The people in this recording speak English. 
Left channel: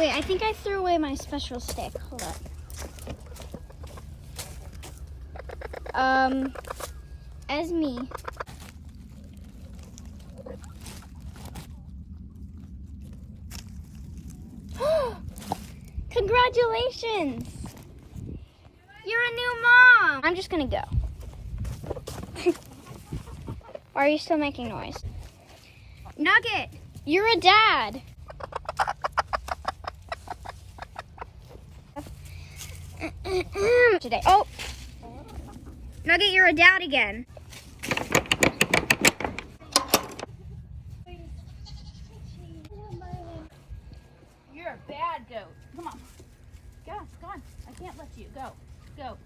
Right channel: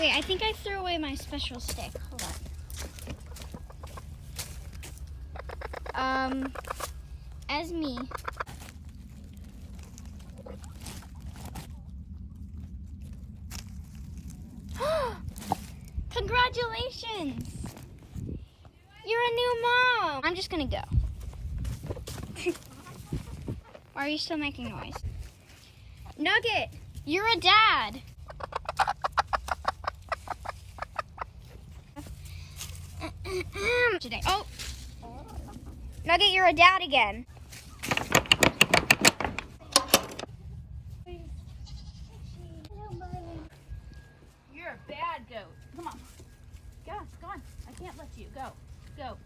Wait, I think I threw away my special stick. Hold on. As me. Congratulations! You're a new mom! I'm just gonna go. Why are you still making noise? Nugget, you're a dad! Today. Oh! Nugget, you're a dad again. You're a bad goat. Come on. Go on. I can't let you. Go.